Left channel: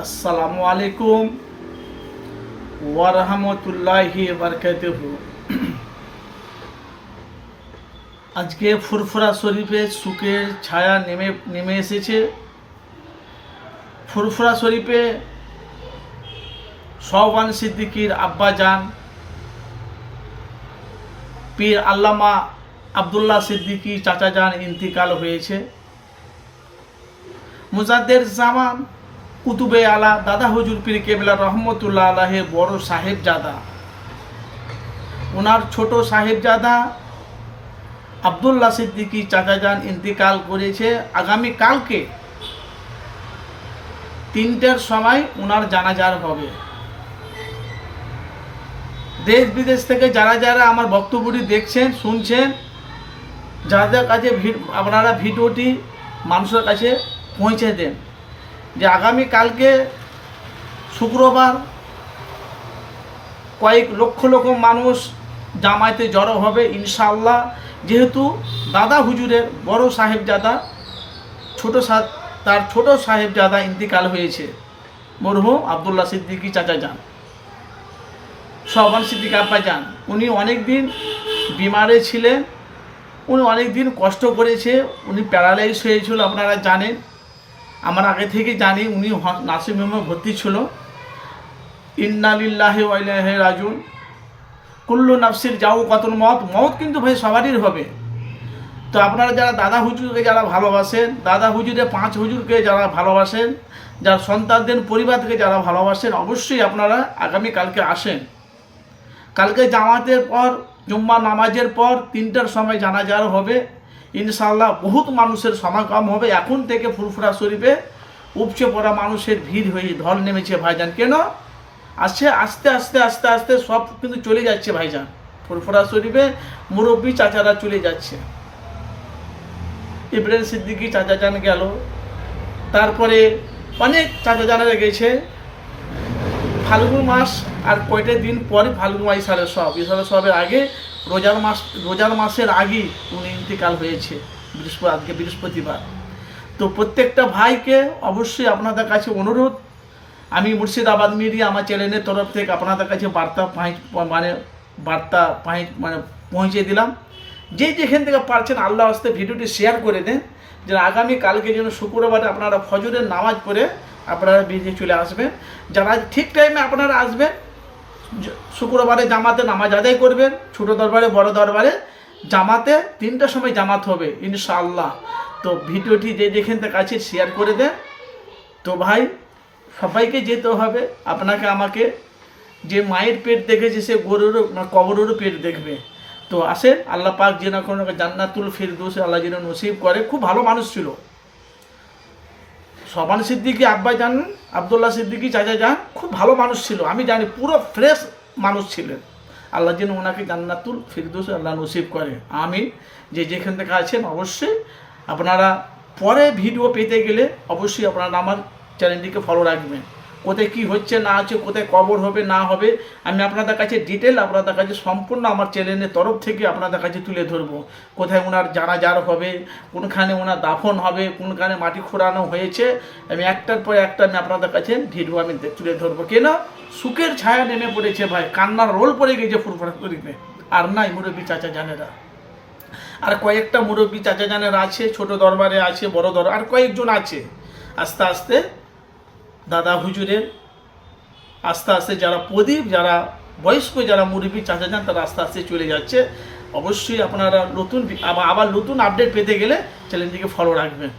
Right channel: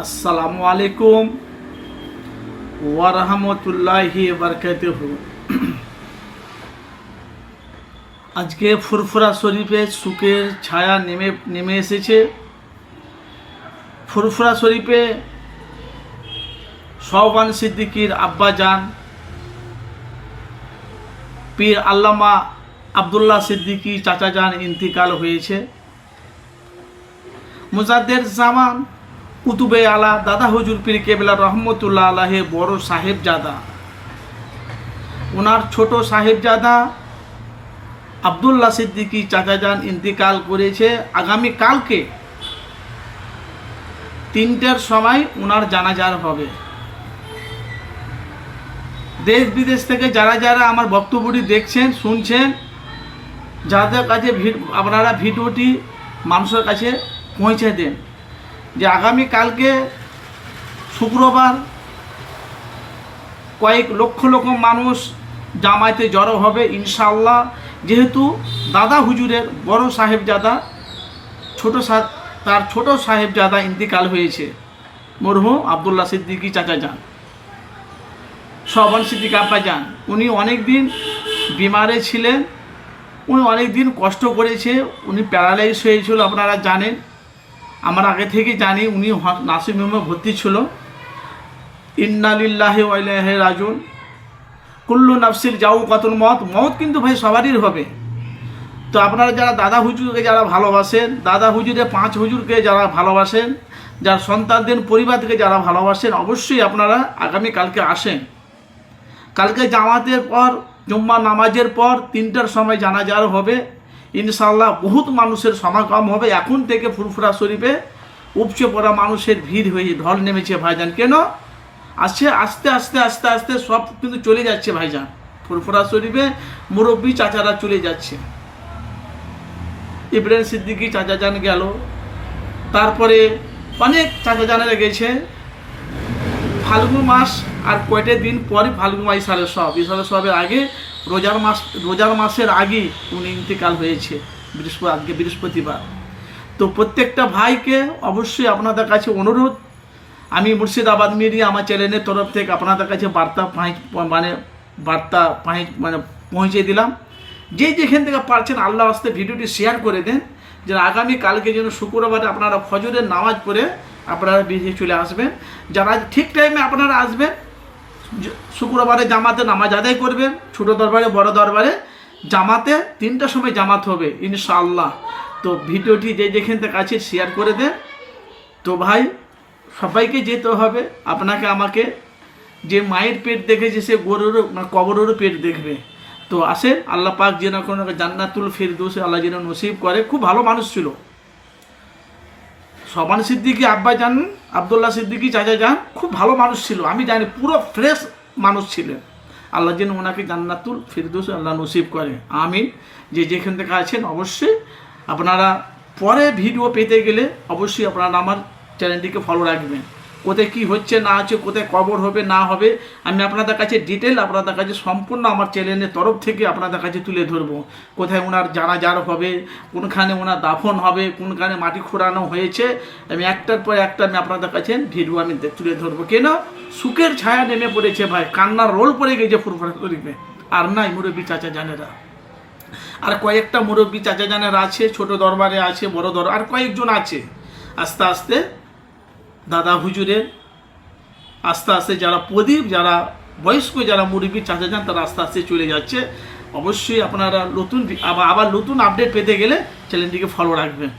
আসসালামু আলাইকুম ওয়া রাহমাতুল্লাহি ওয়া বারাকাতুহু। আজকে ফুরফুরা শরীফে সুখের ছায়া নেমে এসেছে। ফুরফুরা শরীফে শাহবান সিদ্দিকীর আব্বাজান পীর আল্লামা আব্দুল্লাহ সিদ্দিকী চাচাজান ইন্তিকাল হয়েছে। মুজাদ্দের জামান কুতুবে আলা দাদা হুজুর পীর কেবলা রহমতুল্লাহ আলাহে বড় সাহেবজাদা, ওনার ছোট সাহেবজাদা আব্দুল্লাহ সিদ্দিকী চাচাজান ইন্তিকাল করেছে। আগামী কালকে 3টার সময় ওনার জানাজার হবে। দেশ বিদেশ থেকে যারা যারা আমার বক্তব্যটি দেখছেন শুনছেন, যাদের কাছে আপনারা ভিডিওটি মানুষের কাছে পৌঁছে দেন যে আগামী কালকে শুক্রবার কয়েক লক্ষ লক্ষ মানুষ জামায়াতে জড়ো হবে ইনশাআল্লাহ। যেহেতু দাদা হুজুরের বড় সাহেবজাদা তার ছোট সাহেবজাদা ইন্তিকাল হয়েছে, মরহুম আব্দুল্লাহ সিদ্দিকী চাচাজান শাহবান সিদ্দিকী আব্বাজান। উনি অনেক দিন বিমারে ছিলেন, উনি অনেক দিন কষ্ট করেছে, উনি প্যারালাইজ হয়েছিল আপনারা জানেন, আমার আগে থেকে জানি। উনি নার্সিং হোমে ভর্তি ছিল। ইন্না লিল্লাহি ওয়া ইন্না ইলাইহি রাজিউন। কুল্লু নাফসির যাওকাতুল মউত, মউত কিন্তু ভাই সবারই হবে। তো আপনারা যারা দাদা হুজুরকে যারা ভালোবাসেন, দাদা হুজুরে 5 হুজুরকে যারা ভালোবাসেন, যার সন্তানদের পরিবারকে যারা ভালোবাসেন, অবশ্যই আপনারা আগামী কালকে আসেন। কালকে জামাতের পর জুম্মা নামাজের পর 3টার সময় জানাজার হবে ইনশাআল্লাহ। বহুত মানুষের সমাগম হবে। এখন থেকে ফুরফুরা শরীফে উপচে পড়া মানুষের ভিড় হয়ে ঢল নেমেছে ভাইজান। কেন আসছে? আস্তে আস্তে আস্তে আস্তে সব কিন্তু চলে যাচ্ছে ভাইজান। ফুরফুরা শরীফে মুরব্বী চাচারা চলে যাচ্ছে। ইব্রাহিম সিদ্দিকী চাচাজান গেল, তারপরে অনেক চাচাজানেরা গেছে। ফাল্গুন মাস আর কয়টা দিন পরে ফাল্গুন মাস ইসালে সবের আগে রোজার মাসের আগে উনি ইন্তিকাল হয়েছে আজকে বৃহস্পতিবার। তো প্রত্যেকটা ভাইকে অবশ্যই আপনাদের কাছে অনুরোধ, আমি মুর্শিদাবাদ মিডিয়া আমার চ্যানেলের তরফ থেকে আপনাদের কাছে বার্তা পৌঁছে দিলাম। যেখান থেকে পারছেন আল্লাহ আস্তে ভিডিওটি শেয়ার করে দেন, যে আগামী কালকে যেন শুক্রবারে আপনারা ফজরের নামাজ পড়ে আপনারা বেরিয়ে চলে আসবেন। যারা ঠিক টাইমে আপনারা আসবেন, শুক্রবারে জামাতে নামাজ আদায় করবেন, ছোট দরবারে বড় দরবারে জামাতে 3টার সময় জামাত হবে ইনশাআল্লাহ। তো ভিডিওটি যেখান থেকে আছে শেয়ার করে দেন। তো ভাই সবাইকে যেতে হবে, আপনাকে আমাকে। যে মায়ের পেট দেখেছে সে গরুরও কবরেরও পেট দেখবে। তো আসেন, আল্লাহ পাক যেন কোনো জান্নাতুল ফিরদৌস আল্লাহ যেন নসিব করে। খুব ভালো মানুষ ছিল শাহবান সিদ্দিকী আব্বাজান, আব্দুল্লাহ সিদ্দিকী চাচাজান, খুব ভালো মানুষ ছিল। আমি জানি পুরো ফ্রেশ মানুষ ছিলেন। আল্লাহ যেন ওনাকে জান্নাতুল ফিরদৌস আল্লাহ নসিব করে, আমিন। যেখান থেকে আছেন অবশ্যই আপনারা পরে ভিডিও পেতে গেলে অবশ্যই আপনারা আমার চ্যানেলটিকে ফলো রাখবেন। কোথায় কী হচ্ছে না আছে, কোথায় কবর হবে না হবে, আমি আপনাদের কাছে ডিটেল আপনাদের কাছে সম্পূর্ণ আমার চ্যানেলের তরফ থেকে আপনাদের কাছে তুলে ধরবো। কোথায় ওনার জানাজার হবে, কোনখানে ওনার দাফন হবে, কোনখানে মাটি খোঁড়ানো হয়েছে, আমি একটার পর একটা আমি আপনাদের কাছে ভিডিও আমি তুলে ধরবো। কেন সুখের ছায়া নেমে পড়েছে ভাই, কান্নার রোল পড়ে গেছে ফুরফুরা শরীফে। আর নাই মুরব্বী চাচা জানেরা, আর কয়েকটা মুরব্বী চাচা জানেরা আছে, ছোট দরবারে আছে, বড় দরবার আর কয়েকজন আছে। আস্তে আস্তে দাদা হুজুরের আস্তে আস্তে যারা প্রদীপ, যারা বয়স্ক, যারা মুরব্বী চাচা যান, তারা আস্তে আস্তে চলে যাচ্ছে। অবশ্যই আপনারা আবার নতুন আপডেট পেতে গেলে চ্যানেলটিকে ফলো রাখবেন।